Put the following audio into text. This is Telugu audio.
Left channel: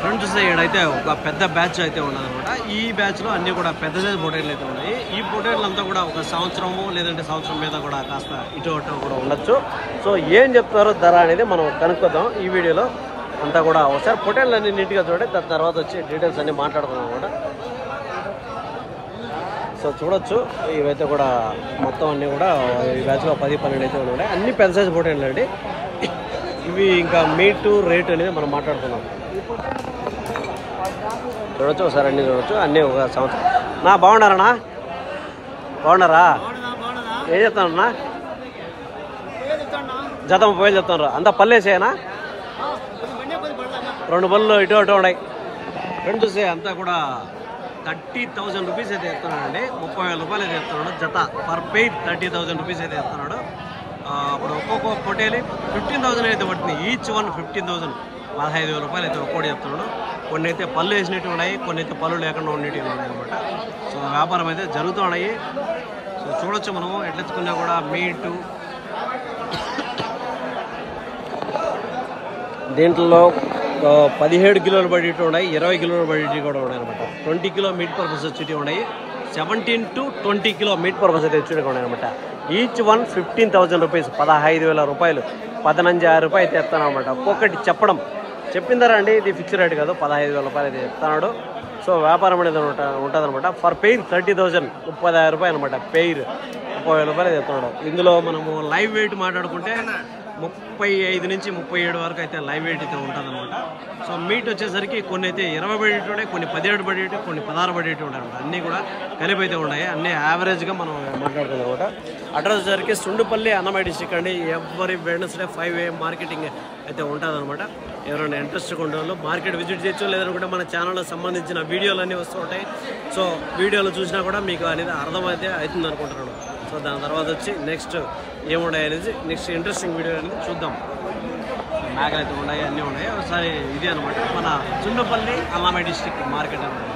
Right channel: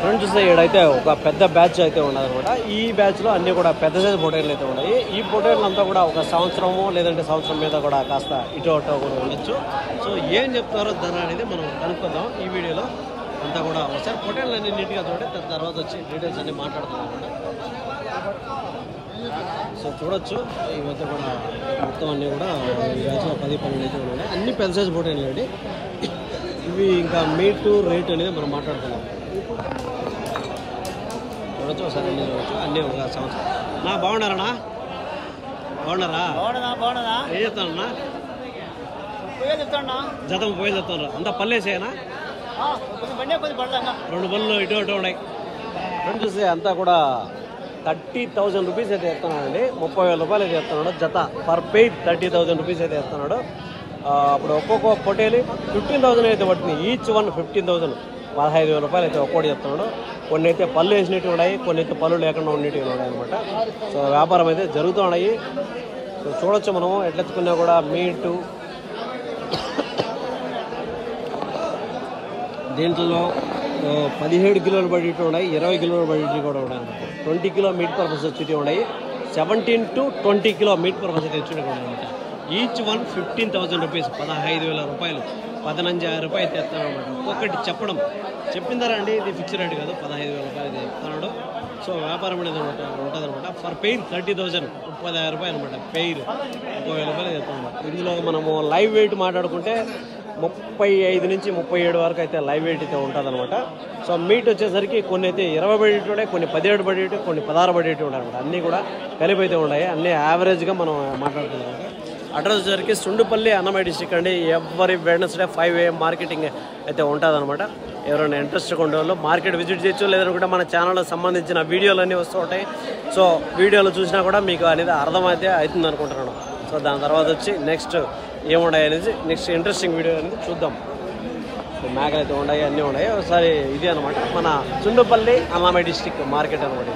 ఫ్రెండ్స్ చూస్తే ఇక్కడైతే ఒక పెద్ద బ్యాచ్ అయితే ఉన్నదన్నమాట. ఈ బ్యాచ్లో అన్నీ కూడా పెద్ద సైజు పొటేళ్ళు అయితే ఉన్నాయి. ఈ పొటేళ్ళు అంతా కూడా ఒక సంవత్సరము లేదంటే సంవత్సరం మీద కూడా కాస్త ఇటు అటు కూడా ఉండొచ్చు. సో ఏం చెప్తారో ధర అనేది మనం కనుక్కొద్దాం ఈ వీడియోలో అంతా కూడా. ఒకసారి పొటేళ్ళు అన్ని నీట్గా చూడండి, దాని తర్వాత వచ్చి డీటెయిల్స్ అన్ని మాట్లాడుతున్నాం అనమాట. సో చూడొచ్చు ఇవైతే కూడా మొత్తం అన్నీ కూడా ఈ బ్యాచ్లో 10-12 అయితే ఉన్నాయి. అన్ని పెద్ద సైజు పొటేళ్ళు అండి ఇవి. ఇంకా మీట్ రేట్ అనేది మనం మాట్లాడుతున్నాం. చూడొచ్చు ఒకసారి అన్నీ చూడొచ్చు. అన్నీ ఒక సంవత్సరం. నా బాగున్నారన్నా? బాగున్నారా? ఏం చెప్తానన్నా? జత 30,000 చెప్తున్నారు. అంతా పల్లేసేనా? 2 బళ్ళు ఇటు అటు ఉన్నాయి. ఫ్రెండ్స్ చూస్తే అంతా కూడా 30,000 రూపీస్ అయితే చెప్తున్నాడండి. 30,000 రూపాయలు అయితే చెప్తున్నాడు జత. పర్ పెయిర్ 30,000 రూపీస్ అయితే చెప్తున్నాడు. అప్పుడు ఒక్కొక్క పొటేలి 15,000 అయితే పట్టింది. ఈచ్ వన్ 15,000, 15,000 రూపాయలు అయితే ఒక్కోటి చెప్తున్నాడు. కొన్ని అయితే పళ్ళు వేసినట్టు ఉన్నాయి, కొన్ని అయితే పళ్ళు లేకుండా ఉండేటివి ఉన్నాయి అనమాట. సో వ్యాపారం అయితే జరుగుతూ ఉన్నాయి. సో చూడొచ్చు మనం ఎట్లెత్తుకున్నా కూడా మీటు. దీంట్లో 17 కిలోలు పడేటివి ఉన్నాయి, 20 కిలోలు పడేటివి కూడా ఉన్నాయి అనమాట. 20 కిలో మీట్ పర్పస్ వచ్చేటివి ఉన్నాయి, 17 to 20 కిలో మీట్ పర్పస్ అయితే వచ్చేటివి ఉన్నాయి అనమాట. ఈచ్ వన్ 15,000 రూపీస్, 15,000 రూపాయలు, 15,000 రూపాయలు అయితే చెప్తాను అనమాట. ఒక్కొక్కటి చెప్పడం చెప్పిందారా అండి, ఇది ఫిక్స్ రేట్ కాదు, 15,000 రూపాయలు అయితే చెప్తున్నాడు. సో వ్యాపారం అనేది ఉంటుంది అనమాట. ఫర్ పెయిర్ 30,000, 30,000 రూపాయలు అనమాట. పెయిర్ 30,000 రూపాయలు చెప్తున్నాడు. ఇందులో మనము లైవ్ వెయిట్ మాట్లాడుకుంటే 35 నుంచి 37 వరకు అయితే లైవ్ వెయిట్ అయితే ఉంటుంది అనమాట. సో మీట్ వచ్చేసరికి కొన్ని అయితే 20 పడేటి ఉన్నాయి, కొన్ని 17 పడేటి, కొన్ని 16 పడేటి ఉంటాయి అనమాట. అన్నీ కూడా కలిపి అయితే ఉన్నాయి. అన్నీ యావరేజ్గా మనం మాట్లాడుతుంది అనమాట. అడ్రస్ వచ్చేసరికి సుండుపల్లి, అన్నమయ్య డిస్ట్రిక్ట్ అండి. ఎవరి వెడ్నెస్డే 5 AM మార్కెటింగ్ అయితే ఉంటుంది అనమాట. ఎవరైనా ఇంట్రెస్ట్గా ఉండేవాళ్ళు మార్కెట్ విజిట్ చేయొచ్చు. లేదంటే మన ఛానల్కి సంబంధించిన వీడియోలు అన్నీ వస్తూ ఉంటాయి. సో వీడియోలు చూసినా కూడా మీకు అనేది అర్థమైతే అవుతుంది అనుకుంటున్నాను. సో దాని తర్వాత వచ్చి నెక్స్ట్ ఏమున్నాయి అనేది నెక్స్ట్ ఇంట్రెస్టింగ్ వీడియో అనేది చూద్దాం. మేకలు అయితే ఉన్నాయి, అన్నీ ఉన్నాయి. ఒకసారి ఇది అనమాట మన సుండుపల్లి, అన్నమయ్య డిస్ట్రిక్ట్ మార్కెట్ అనేది.